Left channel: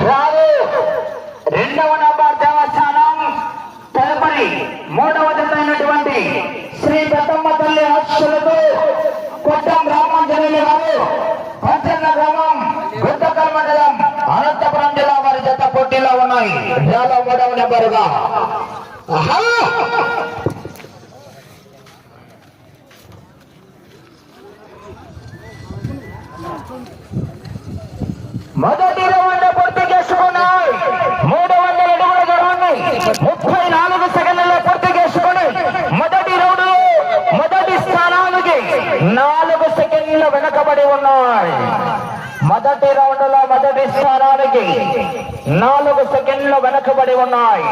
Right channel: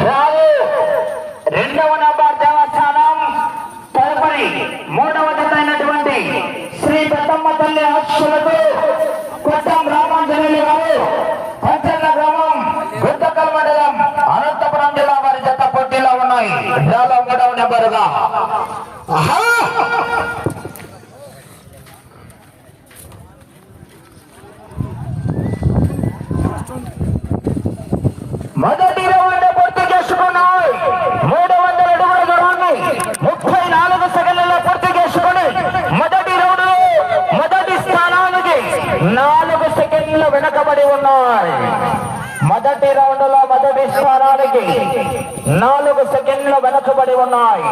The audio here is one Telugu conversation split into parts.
రావు రెండవ నంబర్ దేవస్థానం తదుపరి మూడవ జతైనటువంటి శ్రీ దత్తమ్మ తల్లి అక్షులకు కొట్టం రామాంజనేయులు గారు పచ్చన్న గ్రామం గుంటకల్ మండలం అనంతపురం జిల్లా వారి జత పోటీలో ఉన్నాయి. డ్రాలో మూడవ నెంబరుగా ఆహా! మొదటి రౌండ్ పూర్తి చేసుకున్నాయి మూడు వందల అడుగుల దూరాన్ని ముప్పై నాలుగు సెకండ్లలో పూర్తి చేసుకుని మొదటి రౌండ్ మొదటి స్థానానికి నాలుగు సెకండ్లు వెనకబడి ఉన్నాయి. మొదటి రౌండ్లో మొదటి స్థానానికి నాలుగు సెకండ్లు వెనకబడి ఉన్నాయి.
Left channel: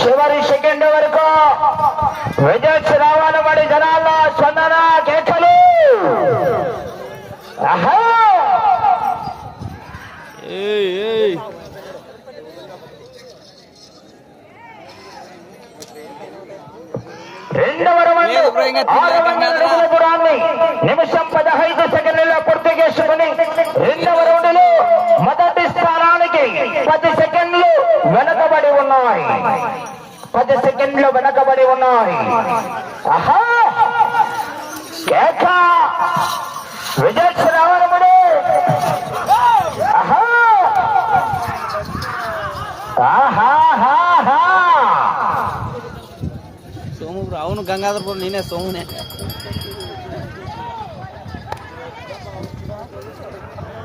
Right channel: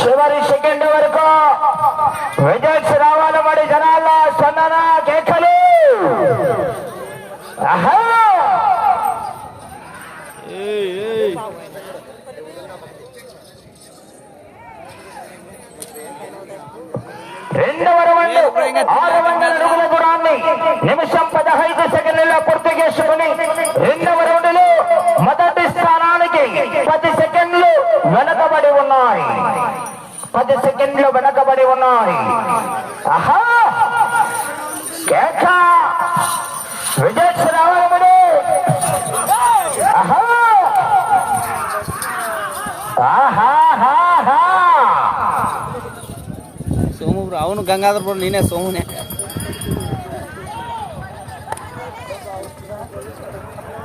చివరి సెకండ్ వరకు విజయ్ రావాలి మరి జనాల్లో చందన కేకలు ఆహా! రెండవ రౌండ్ నిమిషం పదహైదు సెకండ్లలో పూర్తి చేసుకుని రెండవ రౌండ్లో మొదటి స్థానానికి పది సెకండ్లు వెనకబడి ఉన్నాయి. పది సెకండ్లు వెనకబడి ఉన్నాయి. ఆహా కేక విజయ్ రావణముడు ఆహా ఆహాహాహా. సోము బ్రో అవును గంగాధర్ బ్రో నేనే సోమునే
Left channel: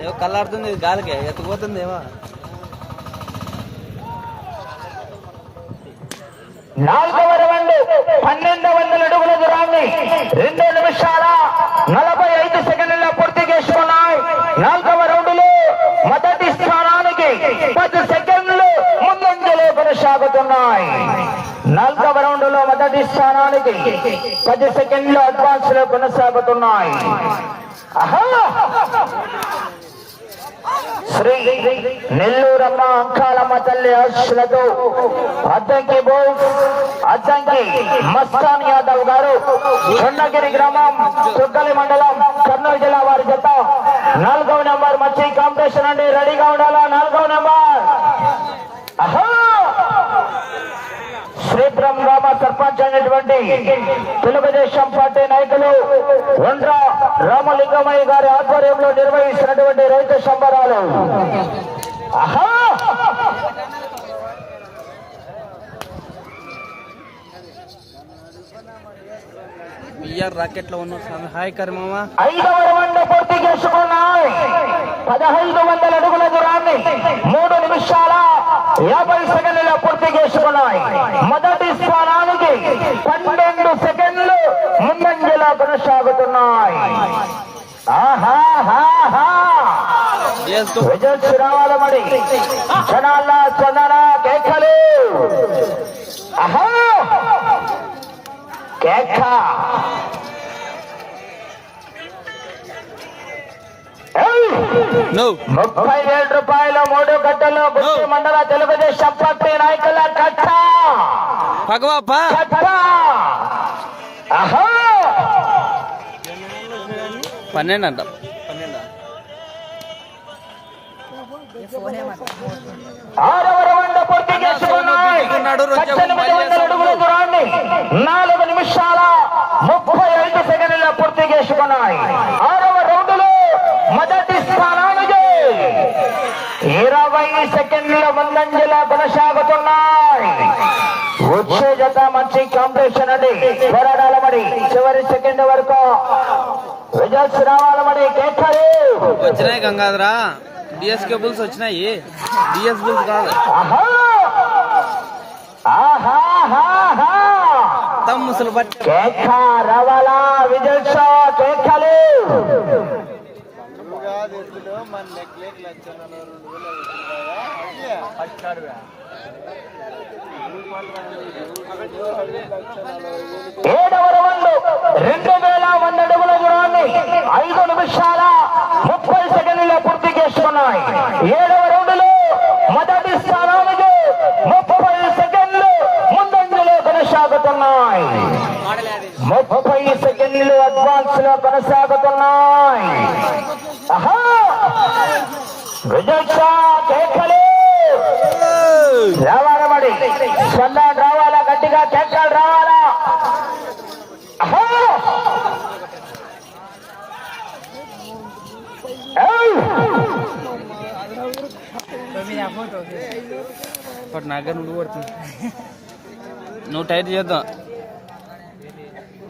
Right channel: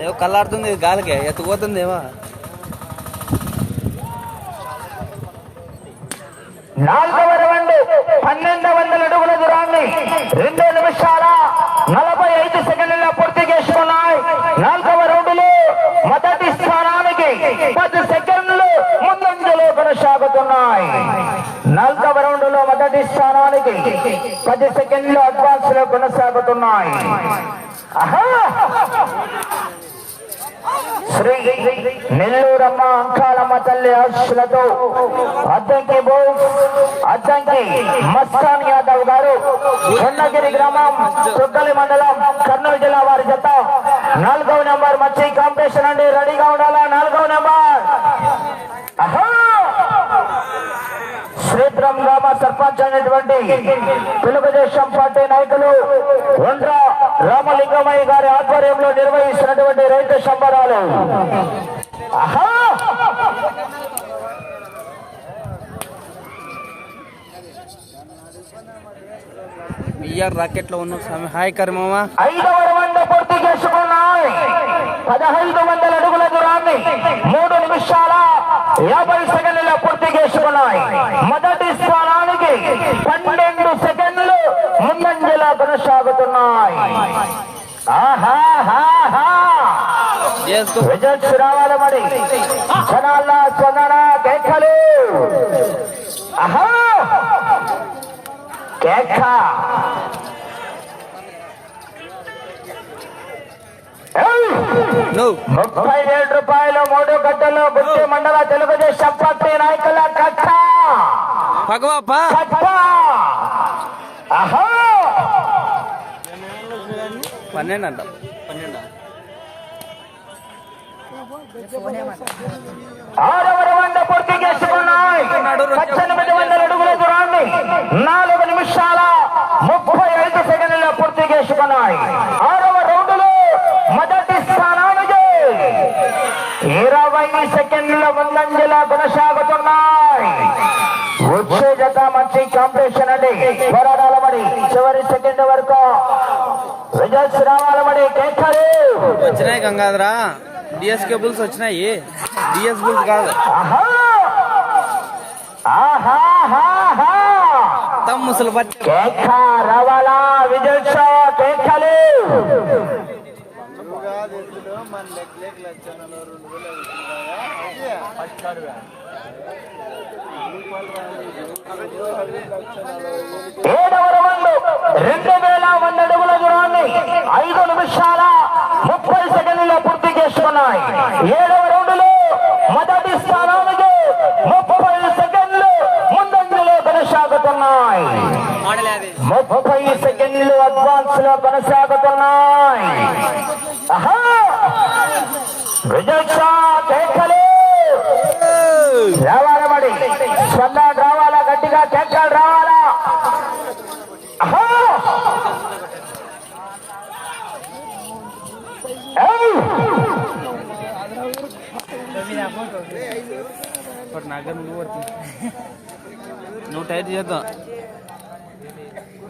ఏవో కళ్ళాడుతుంది గాలికే ఎత్తుకుపోతుంది ఏమో. నాలుగవ రౌండ్ పన్నెండు వందల అడుగుల దూరాన్ని రెండు నిమిషాల నలభై ఐదు సెకండ్ పూర్తి చేసుకున్నాయి నాలుగవ రౌండ్లో మొదటి స్థానానికి పది సెకండ్లు ముందంజలో కొనసాగుతున్నాయి నాలుగవ రౌండ్లో మొదటి స్థానానికి పది సెకండ్లు అడ్వాన్స్లో కొనసాగుతున్నాయి శ్రీ నెల్లూరమ్మ అంకాలమ్మ తల్లి ఆశలతో అద్దంకి బోస్ అద్దంకి మస్తాన్ యాదవ్ గారు కొండగిరి గ్రామం చుక్కలి మండలం కర్నూలు జిల్లా వారి జత. నాలుగవ నెంబర్ మచ్చి కాంపిటీషన్ అండి. రెడీగా ఉండాలా? నాలుగవ నెంబర్. అహా! శ్రీపురం గ్రామ సర్పంచ్ అయినటువంటి తెలుగుదేశం పార్టీ నాయకులు వంద్ర రామలింగమయ్య గారి ఆధ్వర్యంలో నిర్వహిస్తున్నటువంటి రైతు సంబరాలు. ఆహా! ఇయర్ రాకెట్లో ఉన్న స్వామి. హాయ్ కరిమమ్మ ఐదవ రౌండ్ పూర్తి చేసుకున్నాయి. పదహైదు వందల అడుగుల దూరాన్ని మూడు నిమిషాల యాభై సెకండ్ల పూర్తి చేసుకున్నాయి. మొదటి స్థానానికి పన్నెండు సెకండ్లు ముందంజలా కొనసాగుతున్నాయి. ఆహాహాహా. రావాలి మరి. జనాల చందన కేకలు. ఆహా. కేక ఏయ్! నువ్వు ముప్పై వేల రూపాయలు మూడు గంటల్లో గుంటూరు మండల తెలుగుదేశం పార్టీ నాయకుల కట్ట. పన్నెండు అంట పన్నెండా నాలుగు నిమిషాల ముప్పై ఐదు సెకండ్ల పూర్తి చేసుకున్నాయి స్థానానికి ఇరవై సెకండ్ల ముందంజల కొనసాగుతున్నాయి. వచ్చే జత మంచి కాంపిటీషన్ అండి. పోరాడాల మరి చివరి సెకండ్ వరకు. రిజల్ట్స్ రావాలి మరి కేకలు. వచ్చినాయి గంగాధరా. డిఎస్ కేబుల్స్ వచ్చినాయి. డిఎస్ బుల్స్ కాదు. ముసలు పట్టి. రవాలా? విజయ్ షా కేకలు ఏడవ రౌండ్ రెండు వేల వంద అడుగుల దూరాన్ని ఐదు నిమిషాల ముప్పై సెకండ్లలో పూర్తి చేసుకున్నాయి ఏడవ షా కేకలు. రావాలా మరి సన్నాడు రావాలా? గట్టిగా కేకలు రావాలా? నువ్వు టైట్ చేద్దాం.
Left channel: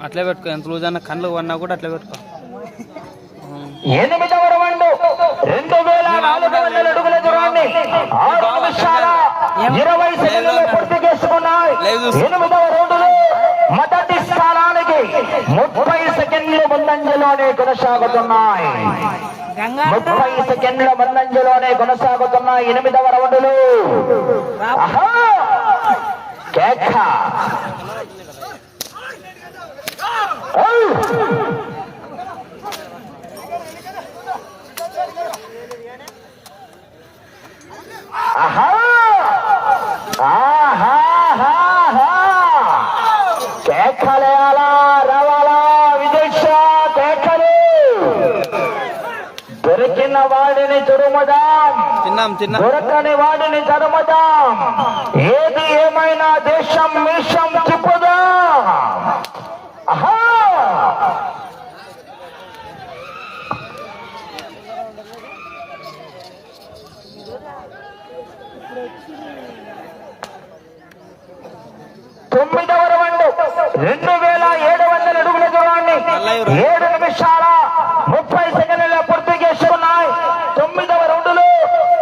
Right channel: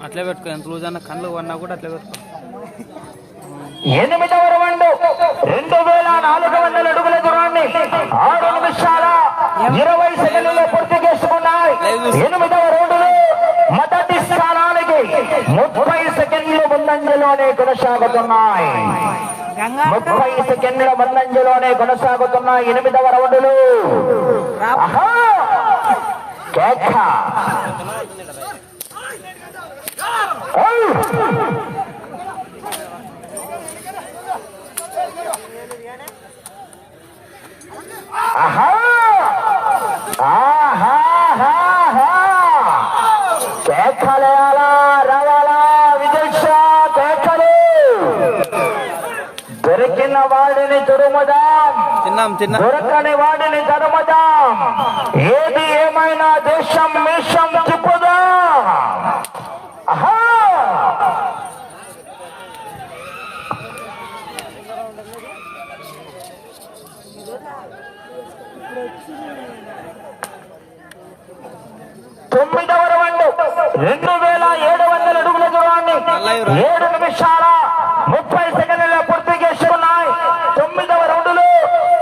అట్లే పెట్టుకో. ఎంత రోజు అన్న కళ్ళు అన్నా కూడా అట్లే పెట్టుకో. రౌండ్ వేల నాలుగు వందల అడుగుల దూరాన్ని ఆరు నిమిషాల ఇరవై సెకండ్లలో పూర్తి చేసుకున్నాయి. ఎనిమిదవ రౌండ్లో మొదటి స్థానానికి ముప్పై సెకండ్ల ముందంజలోనే కొనసాగుతున్నాయి. ముప్పై సెకండ్ల ముందంజలోనే కొనసాగుతున్నాయి ఎనిమిదవ రౌండ్లు! కేక. ఏయ్! ఆహా! ఆహాహాహా! కేకలేయాలా రవాలా విదక్ష కేకలు. దొరికిన వాడిని తురుముదాం తిన్నాం తిన్నాం. దొరకని వాడిని తరుముదాం ఏది ఏమైనా దేశం మీషం తిప్పుదాం ఆహా! తొమ్మిదవ రౌండ్. రెండు వేల ఏడు వందల అడుగుల దూరాన్ని ఏడు నిమిషాల ముప్పై సెకండ్ల పూర్తి చేసుకున్నాయి. తొమ్మిదవ రౌండ్లో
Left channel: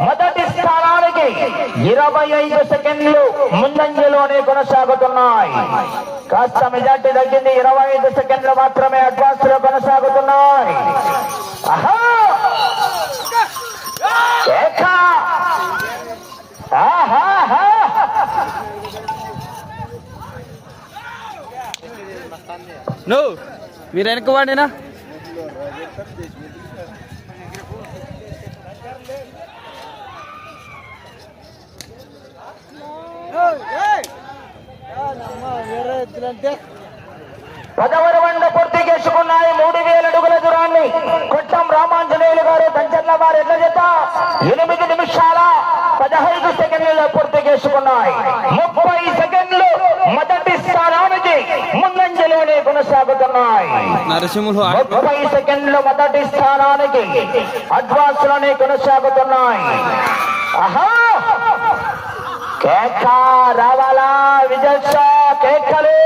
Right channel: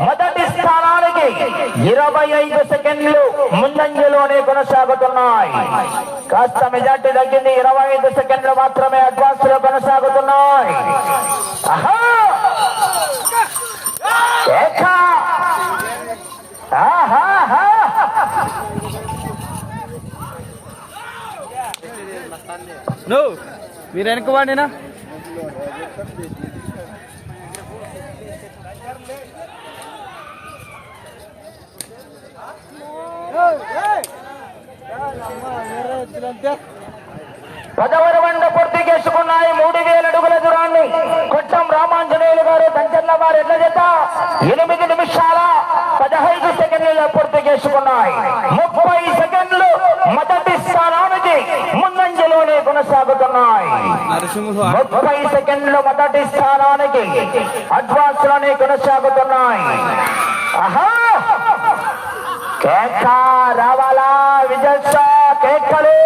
మొదటి స్థానానికి ఇరవై ఐదు సెకండ్లు ముందంజలోనే కొనసాగుతున్నాయి. కాస్త మెజార్టీ తగ్గింది. ఇరవై ఐదు సెకండ్లు మాత్రమే అడ్వాన్స్లో కొనసాగుతున్నాయి. ఆహా! కేక! నువ్వు మీరు వెనుకవాడినా పదవర వంద పూర్తి చేసుకున్నాయి. మూడు వేల అడుగుల దూరాన్ని కొట్టం రామాంజనేయులు గారు దంచన్న వారు ఎట్ల చేత ఎనిమిది నిమిషాల పదహైదు సెకండ్లలో పూర్తి చేసుకున్నాయి. ముప్పై కొనసాగుతున్నాయి. ముప్పై సెకండ్లు మొదటి స్థానానికి అడ్వాన్స్లోనే కొనసాగుతున్నాయి! కేక రావాలా? విజయ్ కేకలు?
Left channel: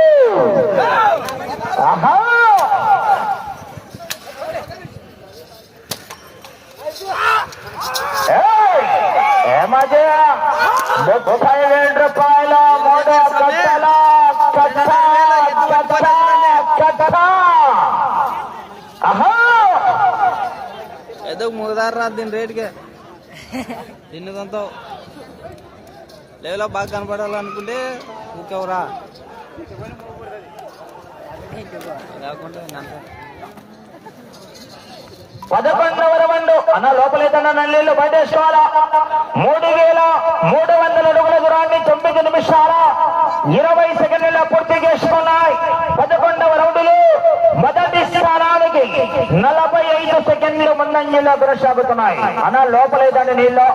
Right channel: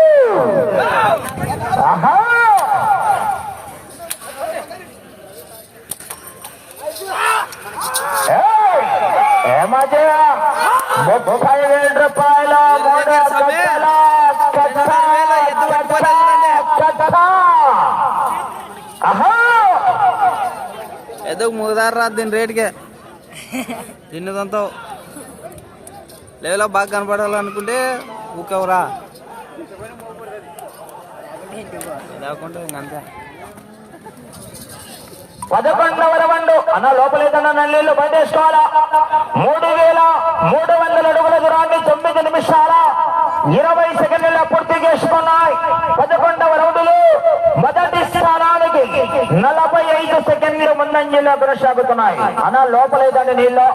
ముప్పై వేల రూపాయల మూడు కట్టల కట్ట కట్ట కట్ట ఆహా ఏదో దీని రేటుకే. తిన్నదంతా లేవలో బాగా కనపడాలనుకుంటే ఊకవరా? పదకొండవ అన్న లోపలైతేనే నల్లీళ్ళు బయటేసుకోవాలా మూడు వేల మూడు వందల అడుగుల దూరాన్ని తొమ్మిది నిమిషాల ఇరవై సెకండ్ల పూర్తి చేసుకున్నాయి. పదకొండవ రౌండ్లు నలభై ఐదు సెకండ్లు ముందంజలో కొనసాగుతున్నాయి అన్న లోపలేదండి నీళ్ళు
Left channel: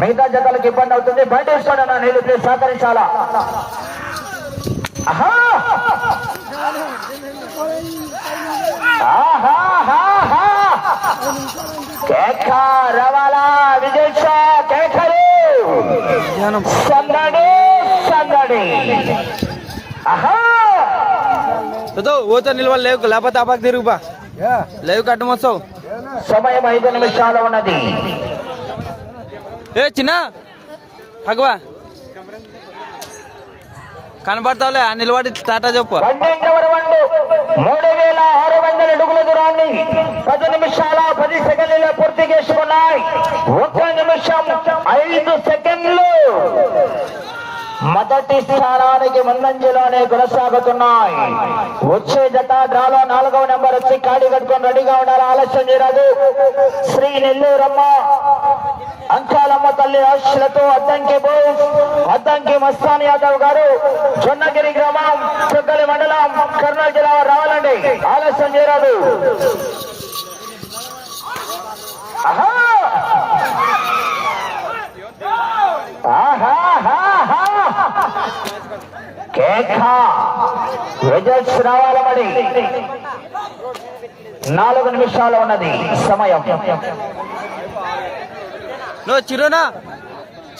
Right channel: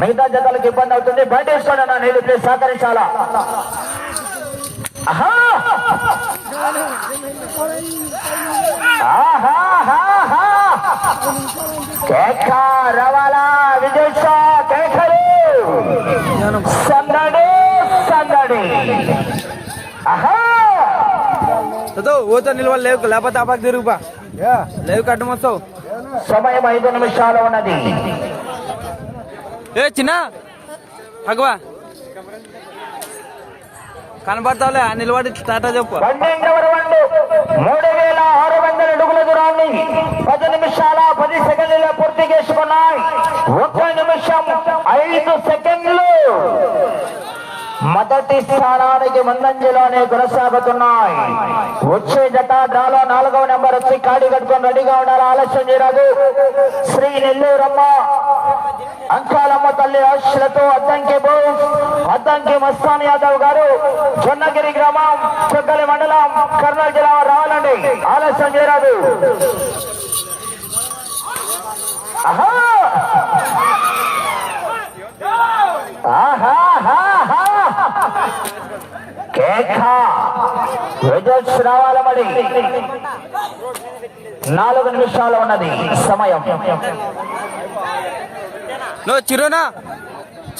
మిగతా జతలకు ఇబ్బంది అవుతుంది బయటేసుకోండి అన్న నీళ్ళు ప్లీజ్ సహకరించాలా రవాలా విజయ్ షా కేకలు సందడి సందడి ఆహా! ఏదో నిల్వ లేవు లేకపోతే ఆపాకు తిరుగుబా లేవు కట్టు మొత్తం. సమయం ఐదు నిమిషాలు ఉన్నది. ఏ చిన్న? అగవా. కనబడతావులే నిలబడి టాటా చెప్పు. మూడు వేల ఆరు వందల అడుగుల దూరాన్ని పది నిమిషాల పది సెకండ్ల పూర్తి చేసుకున్నాయి. ఒక నిమిషం ఐదు సెకండ్లు మొదటి స్థానానికి ముందంజలోనే కొనసాగుతున్నాయి. వచ్చే జత డ్రాలో నాలుగవ నెంబర్ వచ్చి కాడి కట్టుకొని రెడీగా ఉండాలి. ఆలస్యం చేయరాదు. శ్రీ నెల్లూరమ్మ అంకాలమ్మ తల్లి ఆశలతో అద్దంకి బోస్ అద్దంకి మస్తాన్ యాదవ్ గారు జొన్నగిరి గ్రామం చుక్కలి మండలం కర్నూలు జిల్లా రావాలండి. ఆలస్యం చేయరాదు. ఆహా ఆహాహాహా. కేక రిజల్ట్స్ రావాలి మరి. నాలుగు నిమిషాలు ఉన్నది. సమయం. చిరునా.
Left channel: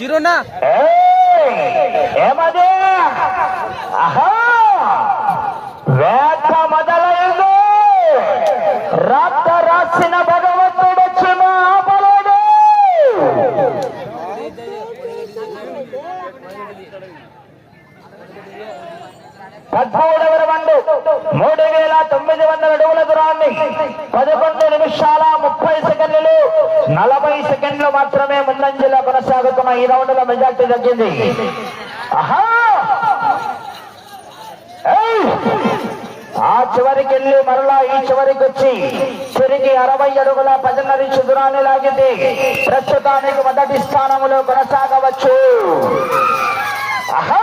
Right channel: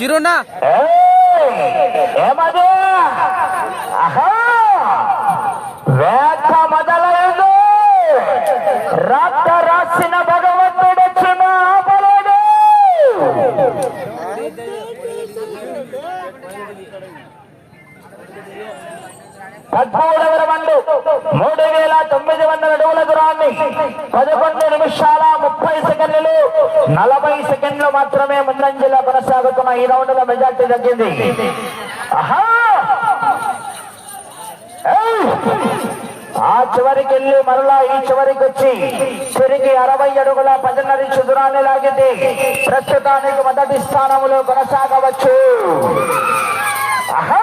చిరునా. ఏమది? ఆహా వేట మొదలైంది పదకొండు నిమిషాల ముప్పై సెకండ్లు నలభై సెకండ్లు మాత్రమే ముందంజలో కొనసాగుతున్న ఈ రౌండ్లో మెజార్టీ తగ్గింది. ఆ చివరికి వెళ్ళి మరలా ఈ చివరికి వచ్చి తిరిగి అరవై అడుగుల పదిన్నర దూరాన్ని లాగితే ప్రస్తుతానికి మొదటి స్థానంలో కొనసాగ ఆహా!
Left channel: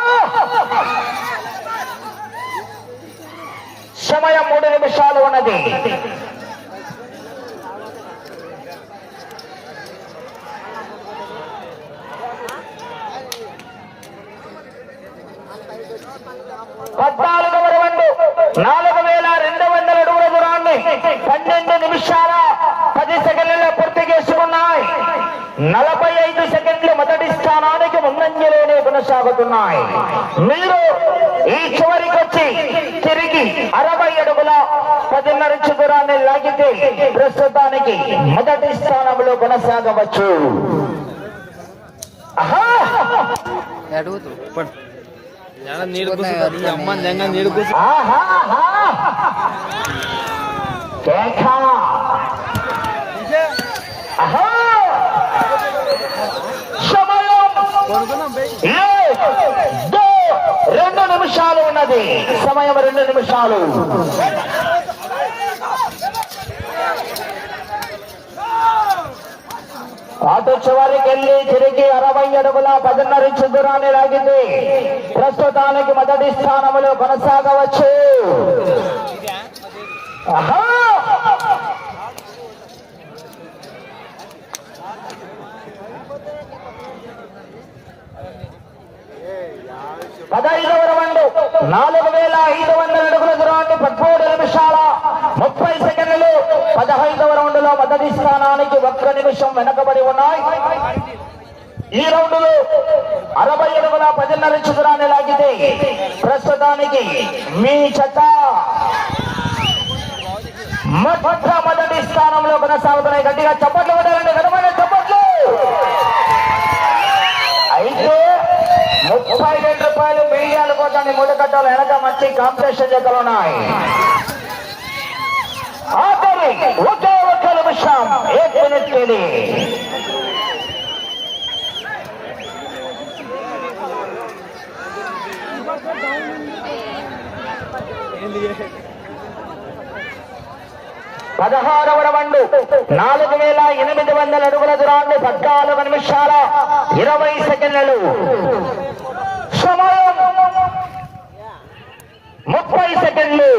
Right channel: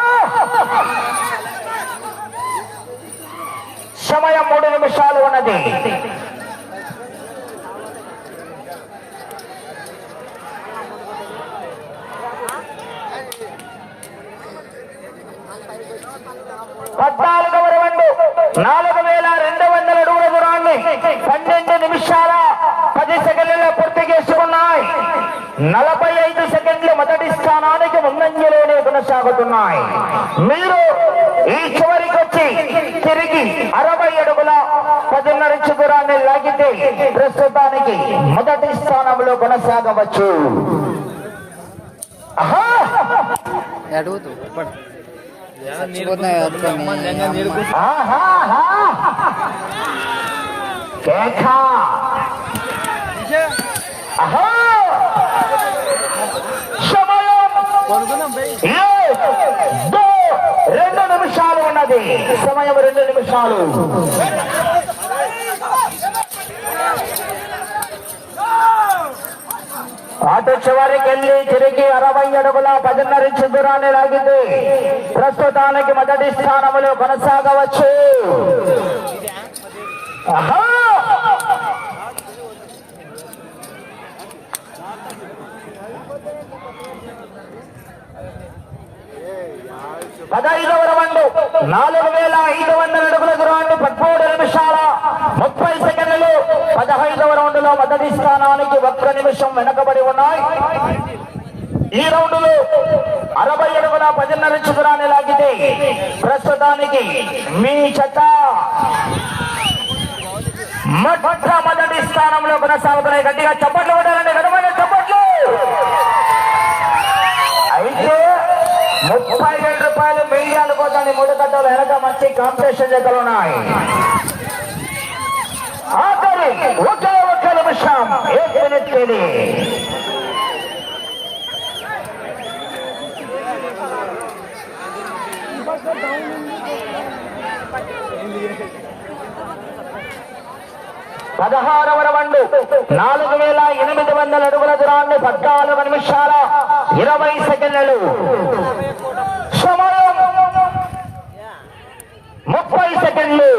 సమయం మూడు నిమిషాలు ఉన్నది పద్నాలుగవ నాలుగు వేల రెండు వందల అడుగుల దూరాన్ని పన్నెండు నిమిషాల పది సెకండ్లలో పూర్తి చేసుకున్నాయి. నలభై ఐదు సెకండ్లు మొదటి స్థానానికి ముందంజలోనే కొనసాగుతున్నాయి. మీరు ఈ చివరికి వచ్చి తిరిగి అరవై దూరాన్ని లాగితే ప్రస్తుతానికి మొదటి స్థానంలో కొనసాగవచ్చు! అడుగుతూ! రెండు నిమిషాలు ఉన్నది. సమయం రెండు నిమిషాలు. అటు చివరికి వెళ్ళి తిరిగి అరవై అడుగుల పదిన్నర ఇంచు దూరాన్ని ప్రస్తుతానికి మొదటి స్థానంలో కొనసాగవచ్చు ఆహా! పదహైదవ రౌండ్ నాలుగు వేల ఐదు వందల అడుగుల దూరాన్ని పదమూడు నిమిషాల ముప్పై సెకండ్లు పదహైదవ రౌండ్లో మొదటి స్థానానికి ఒక్క నిమిషం వెనకబడి ఉన్నాయి ఈ రౌండ్లో అరవై అడుగుల పదిన్నర ఇంచు దూరాన్ని లాగితే ప్రస్తుతానికి నీచత. మొట్టమొదటి స్థానంలో కొనసాగుతున్నాయి గట్టిగా చప్పట్లు కొట్టాలండి. గడమైన చప్పట్లు. అయితే ముప్పై రెండు రూపాయలు మిగిలిన కోసం మూడు కట్టాలు వెనక మంచి కాంపిటీషన్ దగ్గర ఉన్నాయి. ఆఖరి ఒకే ఒక్క నిమిషం. ఏ మినిట్ పదహారవ రౌండ్ నాలుగు వేల ఎనిమిది వందల అడుగుల దూరాన్ని పద్నాలుగు నిమిషాల ఇరవై సెకండ్లు. సుమారు ముప్పై సెకండ్లు.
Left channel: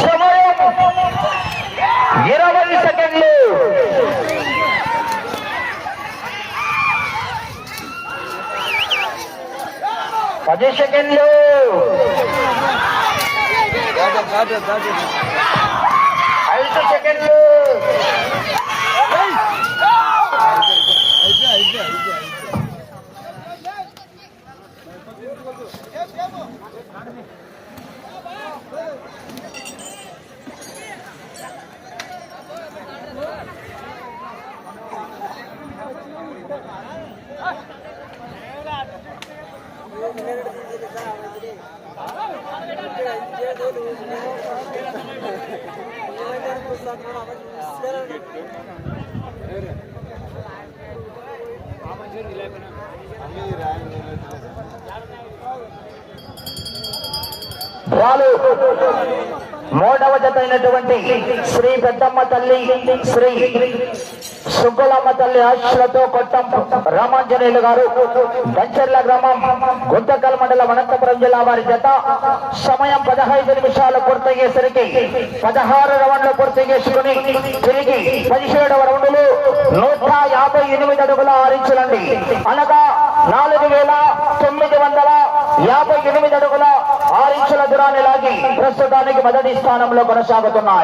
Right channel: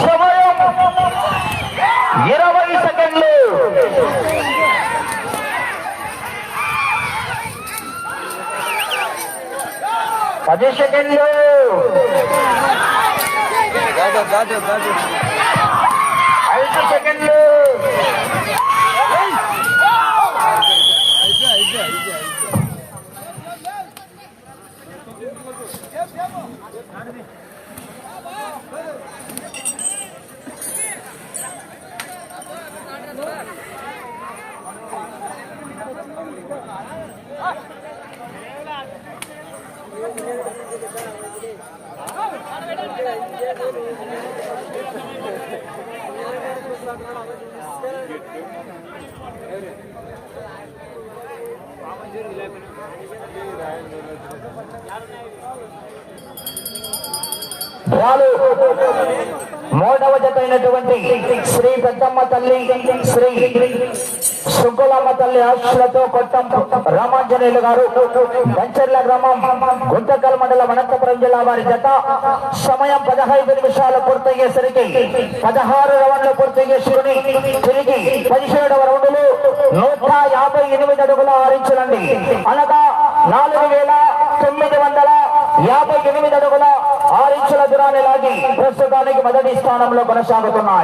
సుమారు ఇరవై సెకండ్లు పది సెకండ్లు ఐదు సెకండ్లు బాలు మూడవ జత అయినటువంటి శ్రీ పెద్దమ్మ తల్లి శ్రీ సుగ్గులమ్మ తల్లి ఆశలతో కొట్టం రామాంజనేయులు గారు బంచర్ల గ్రామం గుంతకల్ మండలం అనంతపురం జిల్లా వారి జత. సమయం పదహైదు నిమిషాలు పూర్తయ్యేసరికి పదహారు రౌండ్లు పూర్తి చేసుకుని తిరిగి పదిహేడవ రౌండ్లు నూట యాభై ఎనిమిది అడుగుల ఆరించలండి అనగా నాలుగు వేల తొమ్మిది వందల యాభై ఎనిమిది అడుగుల ఆరించుల దూరాన్ని లాగి ప్రస్తుతానికి మొదటి స్థానంలో కొనసాగుతున్నాయి.